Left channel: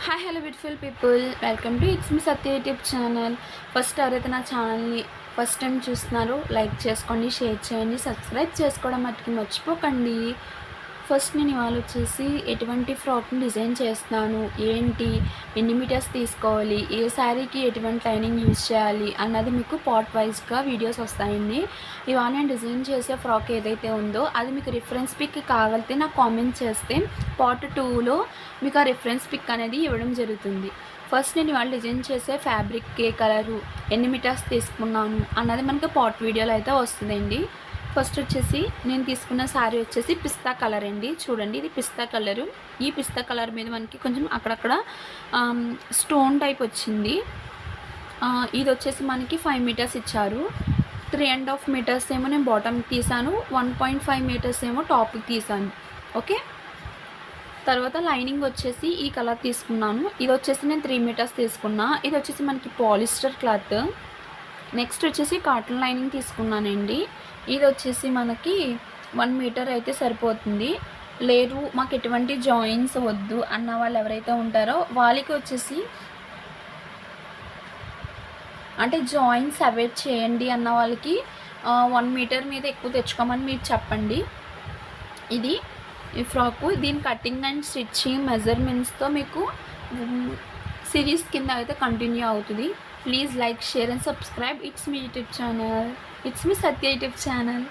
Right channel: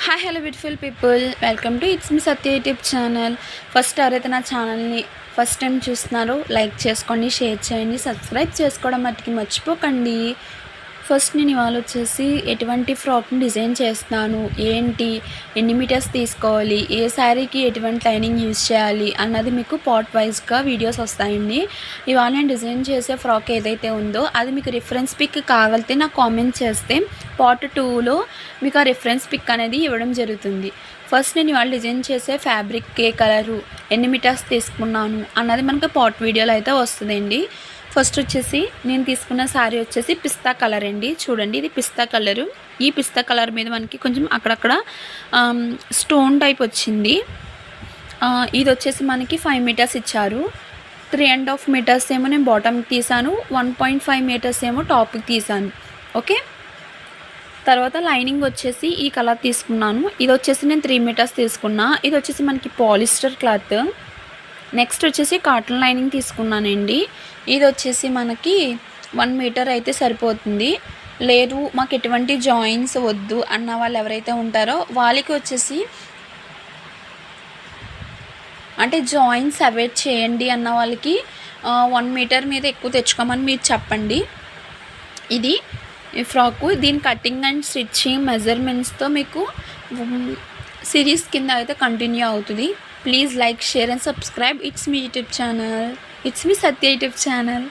Hi hello beautiful people, welcome to it's me Satya YouTube channel. First ఎవరైతే నా ఛానల్ని first time చూస్తున్నారో like చేసుకోండి, షేర్ చేయండి, సబ్స్క్రైబ్ చేసుకోవడం మట్టుకి మర్చిపోకండి. ఫస్ట్ నేను ఇవాళ వచ్చేసి ఎటువంటి ఫ్రాక్ని డిజైన్ చేస్తున్నాను, ఏంటి, ఎన్ని మీటర్స్ తీసుకోవాలి, ఏ శారీకి ఎటువంటి లైనింగ్ యూజ్ చేయాలి అన్నది మీకు పార్ట్ వైజ్గా వీడియోస్ వస్తాయండి. ఇవాళ నేను డిజైన్ చేసే ఫ్రాక్ ఏదైతే ఉందో అది మీకు రిఫరెన్స్ పిక్ కావాలితే నాకు కామెంట్ చేస్తే పార్ట్ 2లో మీకు ఆ రిఫరెన్స్ పిక్ అనేది ఇవ్వడం జరుగుతుంది. ఫస్ట్ నేను ఇవాళ డిజైన్ చేసే ఫ్యాబ్రిక్ ఏ కలరు, ఎన్ని మీటర్స్ తీసుకున్నాను అన్నది మనకి పార్ట్ వీడియోలో అయితే వస్తుందండి. ఫస్ట్ వచ్చేసి నేను తీసుకున్న శారీ వచ్చేసి పిస్తా కలర్ అండి. చూడండి, ఇది పిస్తా కలరు. ఈ పిస్తా కలర్ మీద మనకి కొంచెం అక్కడక్కడ స్టోన్ టైప్ వచ్చింది. ఇది వచ్చేసి మనకి 5 మీటర్స్ ఇచ్చారు. 3.5 మీటర్స్ ఏమో నేను బాటమ్కి తీసాను, 1.5 మీటర్స్ ఏమో టాప్కి తీసాను. ఓకే, తర్వాత లైనింగ్ వచ్చేసి ఈ కలర్ తీసుకున్నాను. ఇది వచ్చేసి నేను 3 మీటర్స్ తీసుకున్నా. ఇది వచ్చేసి మనకి పాలిస్టర్ క్లాత్. నెక్స్ట్ వచ్చేసి కాటన్ లైనింగ్ తీసుకున్నానండి. ఇది వచ్చేసి మనకి 1 మీటర్ అయితే సరిపోతుంది. లేదు మాకు ఎటువంటి జాయింట్స్ వద్దు అన్న వాళ్ళు ఎవరైతే ఉంటారో వాళ్ళకి వచ్చేసి అంటే జాయింట్స్ అవాయిడ్ చేయండి అన్న వాళ్ళకి 1 మీటర్ మీద ఎక్కువ తెచ్చుకోమని మీరు చెప్పండి. ఇది ఈ ఫ్రాకు, దీని కటింగ్ అండ్ స్టిచ్చింగ్ మెజర్మెంట్స్తో మీకు సిరీస్ కింద అయితే కంటిన్యూ అవుతుంది. Please like, share and subscribe. It's me YouTube channel. It's me Satya YouTube channel.